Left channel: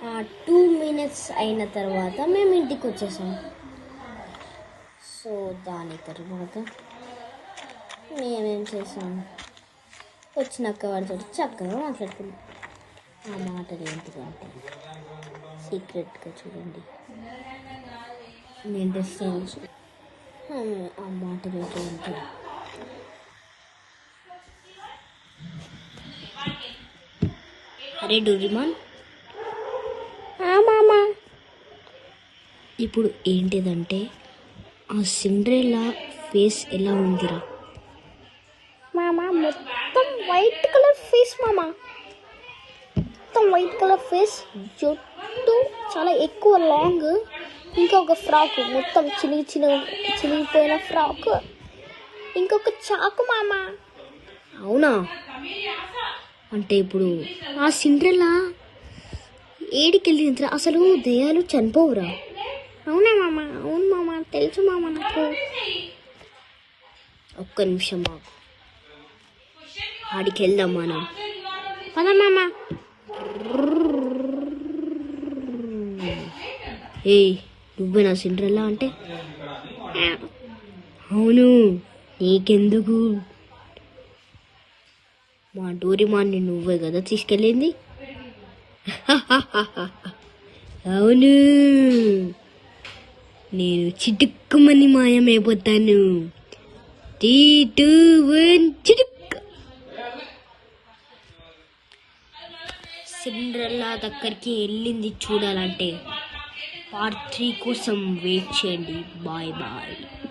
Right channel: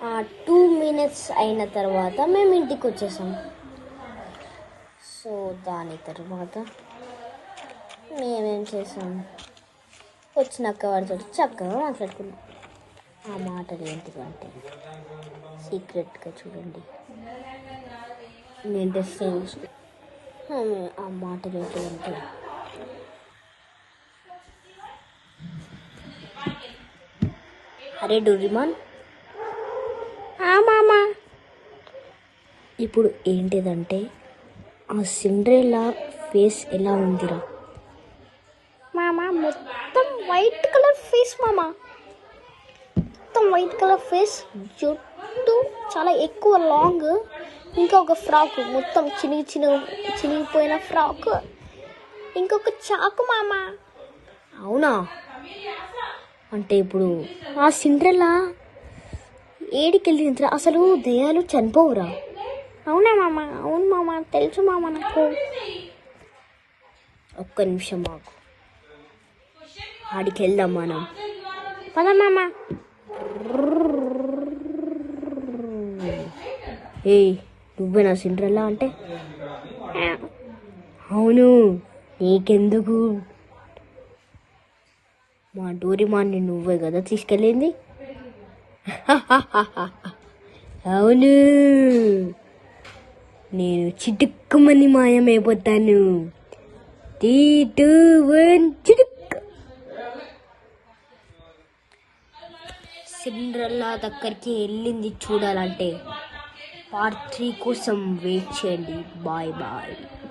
2 minutes అయిన తర్వాత మేము ఇంటికి వచ్చేసాం. సో దాని తర్వాత మేమేం చేసాం, వచ్చినాక వాడితో చక్కగా మాట్లాడుకున్నాం. ఆ మాటలు ఏంటివంటే సీక్రెట్గా చూడండి, నేను డ్రెస్ ఆ మాటలు ఏంటివంటే అరే డోరేమాన్, ఇప్పుడు ఏంటిదంటే ఆ సిండ్రెల్లా ఫేస్ ఎలా ఉందిరా మామా? మొత్తం వైట్ కలర్ ఫేస్ మామా, మొత్తం వైట్ కలర్ ఫేస్, జుట్టు చాలా ఎక్కువ లాంగ్, ఇంకా ఒక ఫ్రాక్ మొత్తం చినిగిపోయిన ఫ్రాక్, ఇంకొక చాకు మామా. అవునా? అంటే ఇప్పుడు ఆ సిండ్రెల్లా ఏడికెళ్ళిందిరా? అసలు దయ్యాలు చనిపోవురా? అవునా మామ? అవును మామ, తెలుసు మామ నాకు. ఒక్క నిమిషం మాకు, ఆడికి వెళ్దాం మనం. పద మామ. ఏయ్, నువ్వేనా సిండ్రెల్లా అంటే? అవును, నీకెందుకు? మా డోరేమాన్ని నువ్వే కదా తీసుకెళ్ళింది. అవును, నేను చిటుక్కుమని మాయమైపోతాను. 3, 2, 1 చిటుక్. సిండ్రెల్లా దగ్గరికి వెళ్ళింది చూడాలంటే Part 3 కోసం వెయిట్ చేయండి. Bye bye.